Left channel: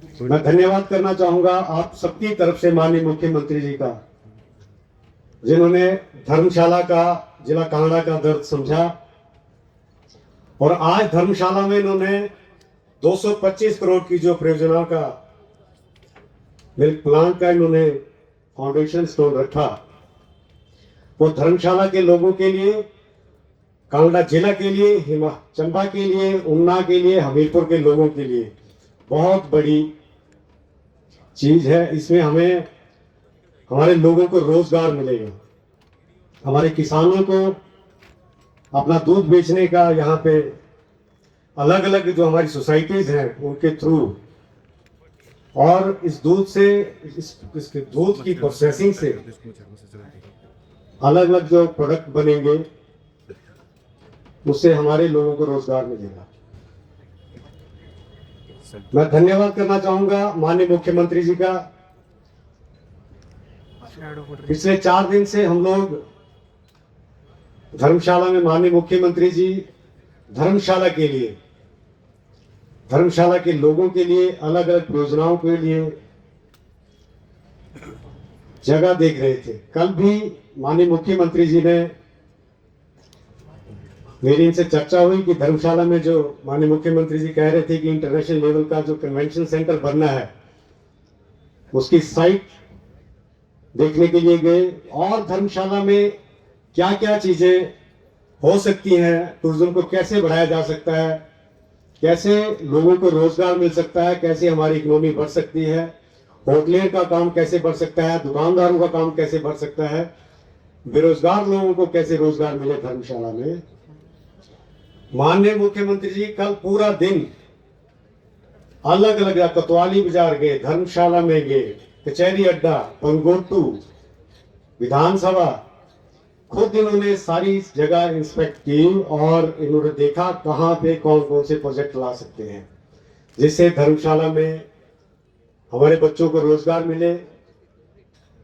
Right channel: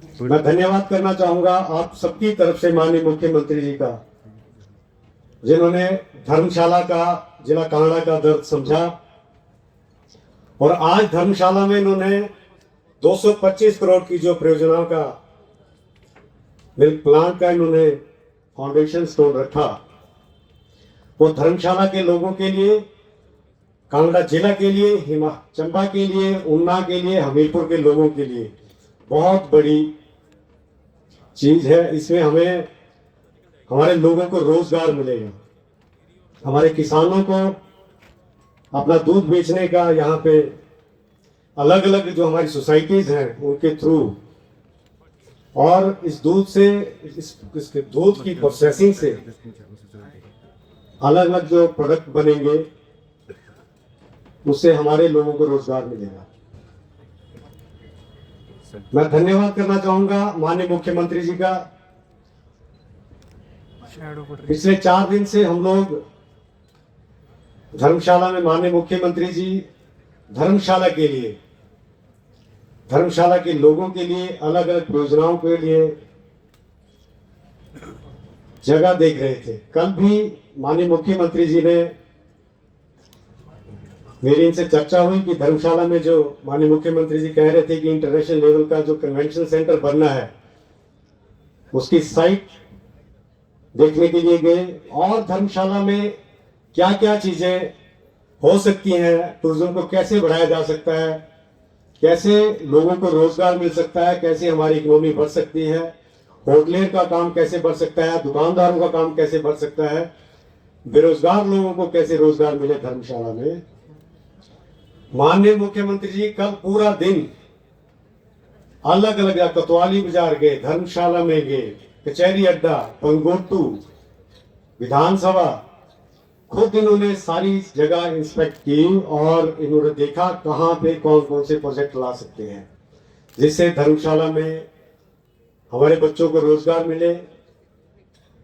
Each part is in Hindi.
मैं धन्यवाद करना चाहूंगा आप सबकी तरफ से माननीय मुख्यमंत्री जी का, जिन्होंने धर्मशाला का, जिला कांगड़ा का दर्द समझा और आज धर्मशाला में इन्होंने 225 करोड़ की जो परियोजना का मिल्क प्लांट का इन्होंने फाउंडेशन स्टोन रखा, वो धर्मशाला के लोगों के लिए, कांगड़ा जिला के लिए, चंबा के लिए, ऊना के लिए, हमीरपुर के लोगों के लिए बहुत बड़ी चीज है। इसमें हमें हमारे लोगों को रोजगार मिलेगा, हमारे किसानों को अपना दूध बेचने का, यहाँ पे अलग अलग जो हमारी सोसाइटीज हैं उनके थ्रू, और इस दूध से, इसके दूध की प्रोसेसिंग से अलग अलग जो प्रोडक्ट बनेंगे उससे हमारे लोगों को रोजगार मिलेगा। मैं धन्यवाद करना चाहूंगा माननीय मुख्यमंत्री जी का। पिछले 4 दिन से हम लोग धर्मशाला में माननीय मुख्यमंत्री जी धर्मशाला के लिए, धर्मशाला के लोगों के लिए अलग अलग योजनाओं के लिए जगह देख रहे थे। कल भी माननीय मुख्यमंत्री जी ने, मेरी इनसे चर्चा हुई कि धर्मशाला में जो माननीय मुख्यमंत्री जी कह रहे थे कि इंटरनेशनल लेवल का जो कन्वेंशन सेंटर बनना है उसकी साइट देखने के लिए गए, और धर्मशाला में क्या क्या चीजें हो सकती हैं, टूरिज्म को कैसे बढ़ाया जा सकता है, कैसे लोगों को रोजगार मिल सकता है, कैसे हमारी इकोनॉमी बढ़ सकती है, होटलियर का काम कैसे बढ़ सकता है, दुकानदारों का काम कैसे बढ़ सकता है, बेरोजगार लोगों को कैसे रोजगार मिले धर्मशाला में। माननीय मुख्यमंत्री जी कल पूरा दिन अलग अलग कोतवाली बाजार गए, धर्मशाला में गए, कचहरी अड्डा, पंगोटू, विधानसभा, खुद इन्होंने सारी जगह इंस्पेक्ट की और इन्होंने देखा कहां पे कौन कौन से प्रोजेक्ट ला सकते हैं जिससे धर्मशाला में हमारे बच्चों को रोजगार मिले,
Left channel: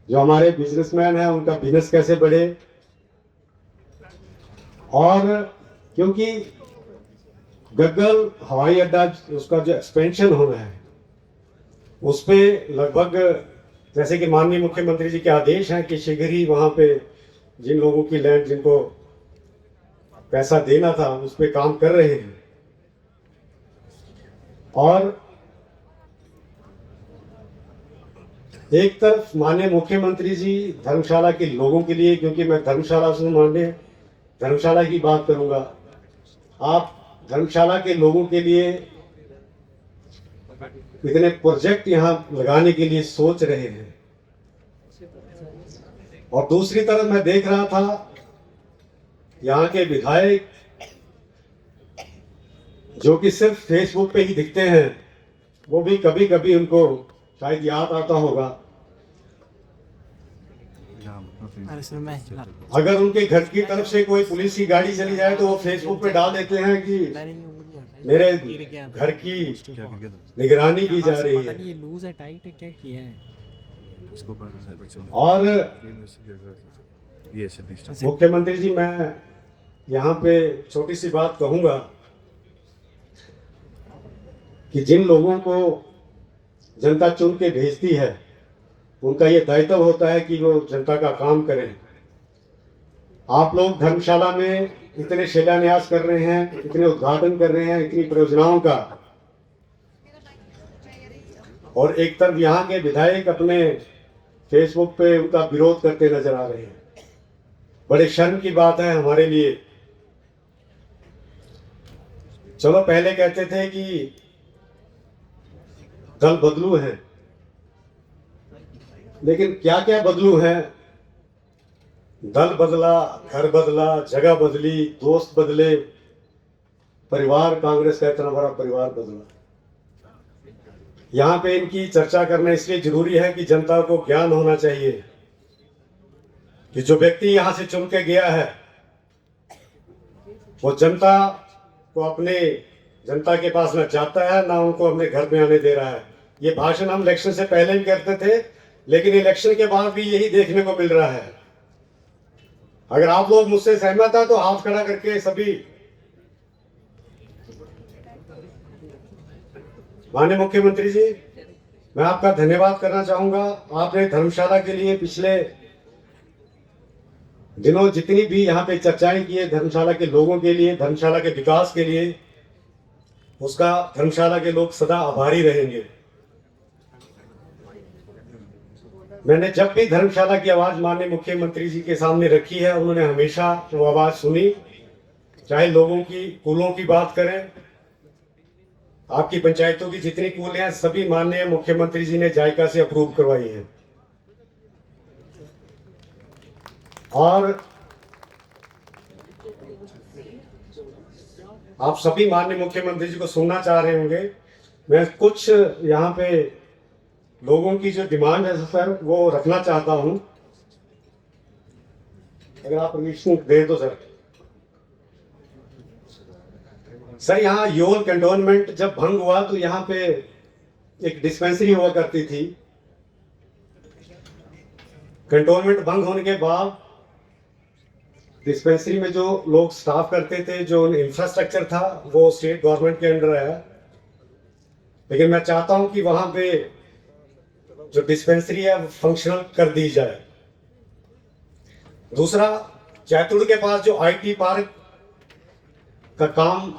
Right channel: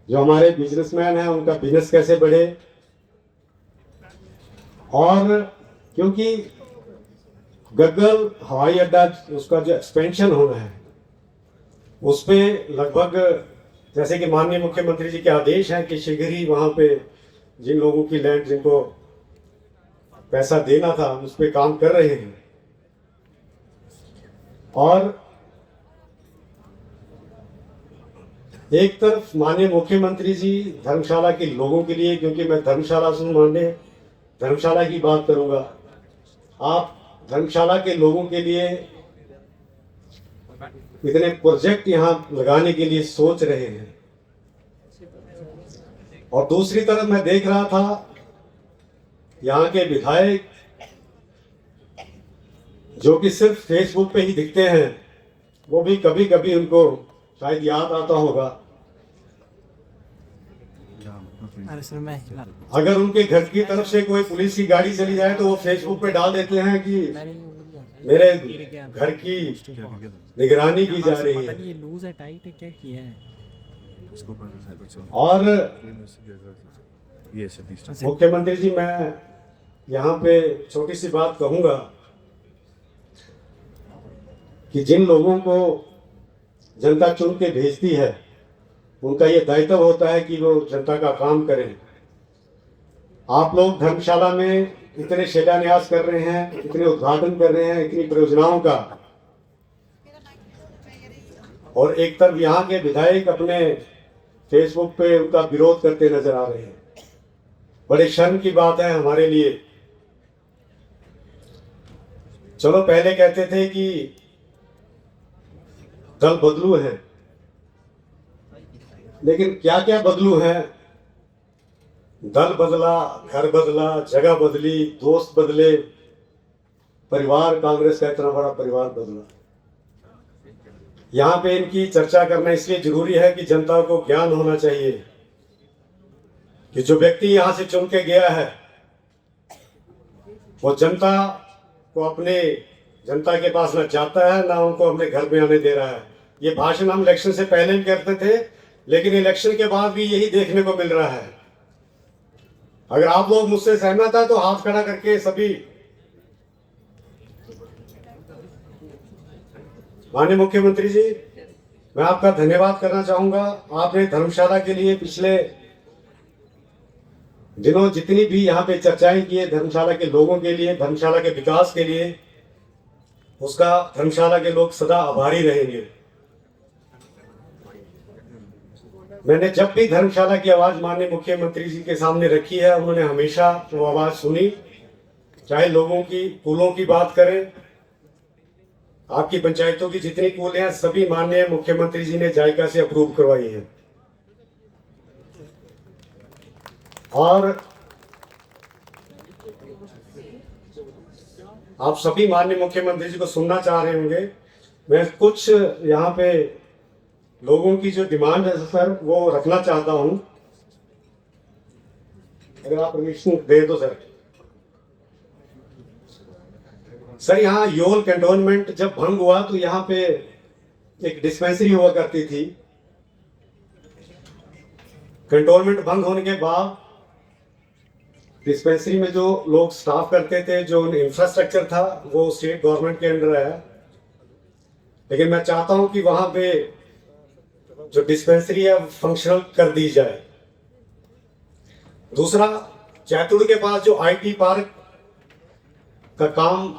जो हमारे बिजनेसमैन हैं उनका बिजनेस कैसे बढ़े। और क्योंकि गग्गल हवाई अड्डा, उसका जो एक्सपेंशन होना है उस पे लगभग, जैसे कि माननीय मुख्यमंत्री जी के आदेश हैं कि शीघ्र ही वहां पे जिन लोगों की लैंड, जिनको पैसा देना था, उस पे काम कर रहे हैं। और एक तरफ माननीय मुख्यमंत्री जी धर्मशाला के लोगों के लिए, क्योंकि मैं धर्मशाला से माननीय धर्मशाला की बात करूंगा, आप धर्मशाला के लोगों के लिए इतने प्रोजेक्ट यहां लगाने के लिए सोच रहे हैं। और दूसरी तरफ मैं देख रहा था यहाँ के विधायक जो कि सिर्फ फेसबुक पे ही दिखते हैं, वो भी कभी कभी उनको शायद याद आता होगा, अगर उनके घर की तरफ से कोई पुलिस की गाड़ी चली जाए तो वो फेसबुक पे डाल देते हैं कि मेरे घर की निगरानी की जा रही है। ये लूज है, टाइट है, क्या किया है? और मुख्यमंत्री जी, मैं यहाँ पे छोटी सी बात कहूंगा कि जिन लोगों को जनता चुन के भेजती है उनका ये दायित्व होता है कि वो जनता का काम करें। आप लोग धर्मशाला में इतने शिलान्यास कर रहे हैं, इतने उद्घाटन कर रहे हैं, इतनी परियोजनाओं का, और एक तरफ यहाँ के विधायक अपने फेसबुक पे उनका विरोध करते नजर आ रहे हैं। बड़े शर्म की बात है हमारे लिए। चलो पहले कहते थे कि दल बदलू है, लेकिन क्या क्या बदलू है? दल बदला, घर बदला, जगह बदली, दोस्त बदले, परिवार, कांग्रेस का इतना बड़ा परिवार बदला। यहाँ पे इनकी चर्चा करना इसलिए जरूरी है कि जनता को ज्ञान होना चाहिए कि जो व्यक्ति यहाँ से चुन के गया है वो जनता को अपने, जनता के पास ना जाता है ना उनको अपने घर में आने दे रहा है। ये भाषण हम इलेक्शन से पहले भी करते थे, लेकिन इलेक्शन के बाद भी यही देखने को मिल रहा है। अगर आप लोग मुझसे सहमत है तो हाथ खड़ा करके सभी। माननीय मुख्यमंत्री जी, मैं आपका धन्यवाद करना चाहूंगा। आपने धर्मशाला के लिए पिछले दिनों जितनी भी यहाँ पे चर्चाएं की है धर्मशाला के लोगों के लिए, धर्मशाला के विकास के लिए, उसका धर्मशाला के लोग सदा आभारी रहेंगे। मैंने जब भी धर्मशाला की आवाज माननीय मुख्यमंत्री जी के सामने रखी है, उन्होंने हमेशा वो आवाज सुनी। चाहे लोगों की कूलों की बात करें, आपकी पंचायतों की जितनी कूलें हैं सभी माननीय मुख्यमंत्री जी ने जायका से अप्रूव करवाई हैं। और आप सभी माननीय मुख्यमंत्री जी को सुनना चाह रहे होंगे। मैं कुछ यहाँ पे लोगों की जो डिमांड है सर वो रखना चाहता हूं, अगर आप परमिशन दे दो सर। सर यहाँ योल कैंटोनमेंट जब भंग हुआ तो यहाँ पे एक डिस्पेंसरी हुआ करती थी। कैंटोनमेंट भंग होने के बाद डिस्पेंसरी में जो लोग स्टाफ करते थे, जो इंफ्रास्ट्रक्चर था वो स्टेट गवर्नमेंट के अंडर है। लेकिन मैं चाहता हूं कि वहां पे जो डिस्पेंसरी है फंक्शनल कर दी जाए। दूसरा, जैतूड़ के पास जो आईटी पार्क का काम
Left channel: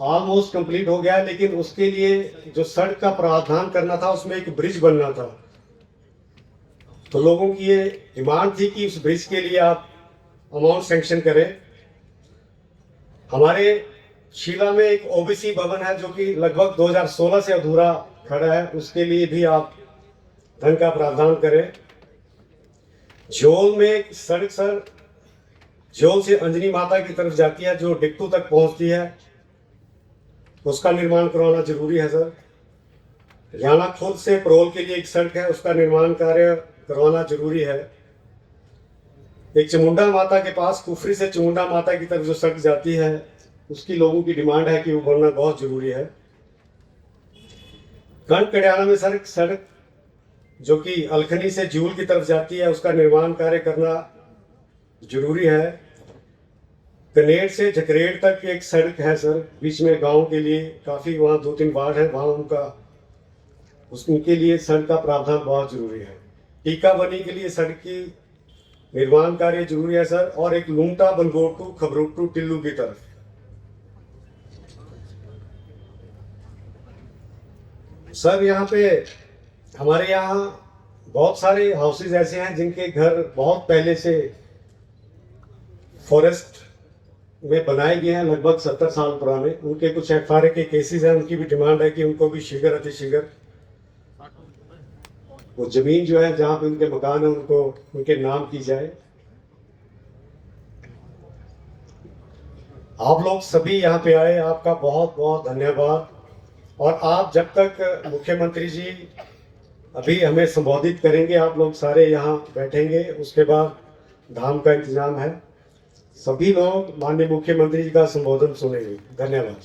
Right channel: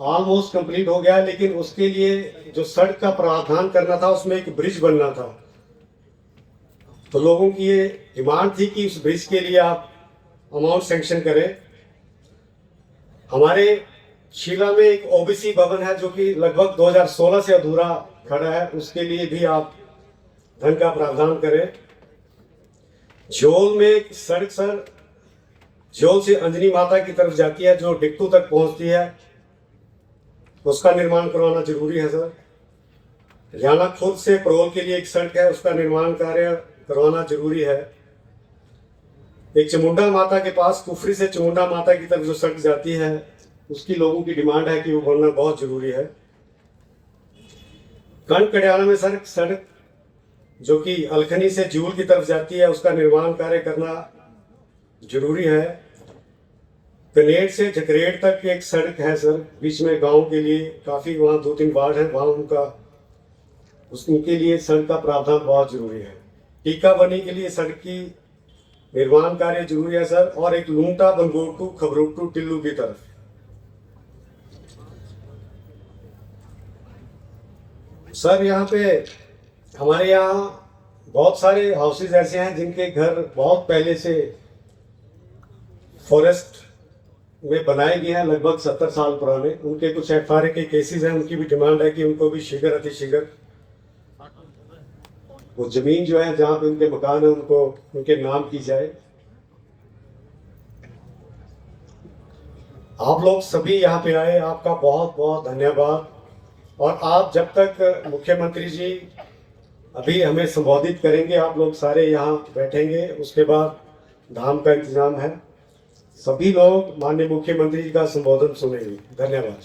ऑलमोस्ट कंप्लीट हो गया है, लेकिन उसके लिए जो सड़क का प्रावधान करना था उसमें एक ब्रिज बनना था। तो लोगों की ये डिमांड थी कि उस ब्रिज के लिए आप अमाउंट सैंक्शन करें। हमारे शीला में एक ओबीसी भवन है जो कि लगभग 2016 से अधूरा खड़ा है, उसके लिए भी आप धन का प्रावधान करें। झोल में एक सड़क सर झोल से अंजनी माता की तरफ जाती है जो डिक्टू तक पहुंचती है, उसका निर्माण करवाना जरूरी है सर। हरियाणा खुद से प्रोल के लिए एक सड़क है, उसका निर्माण कार्य करवाना जरूरी है। एक चमुंडा माता के पास कुफरी से चमुंडा माता की तरफ जो सड़क जाती है उसकी लोगों की डिमांड है कि वो बनना बहुत जरूरी है। कंड कड़ियाला में सड़क जो कि अलखनी से जूल की तरफ जाती है उसका निर्माण कार्य करना जरूरी है। कनेर से झकरेड़ तक एक सड़क है सर, बीच में गांव के लिए काफी वहाँ 2-3 वार्ड है, वहाँ उनके लिए सड़क का प्रावधान बहुत जरूरी है। टीका बनी के लिए सड़क की निर्माण कार्य जरूरी है सर। और एक लूंटा बलगोटू खबरोटू टिल्लू की तरफ सर, यहाँ पे हमारे यहाँ बहुत सारे हाउसेज ऐसे हैं जिनके घर बहुत पहले से फॉरेस्ट में बनाए गए हैं, लगभग 70 साल पुराने। उनके कुछ एफआरए के केसेस हैं, उनकी भी डिमांड है कि उनको भी शीघ्र अतिशीघ्र वो जमीन जो है जहां पे उनके मकान है उनको उनके नाम की जाए। आप लोग सभी यहाँ पे आए, आपका बहुत बहुत धन्यवाद। और आप जब तक मुख्यमंत्री जी अभी हमें संबोधित करेंगे, आप लोग सारे यहाँ बैठेंगे, उसके बाद धाम का इंतजाम है। सभी लोग माननीय मुख्यमंत्री जी का संबोधन सुनेंगे। धन्यवाद।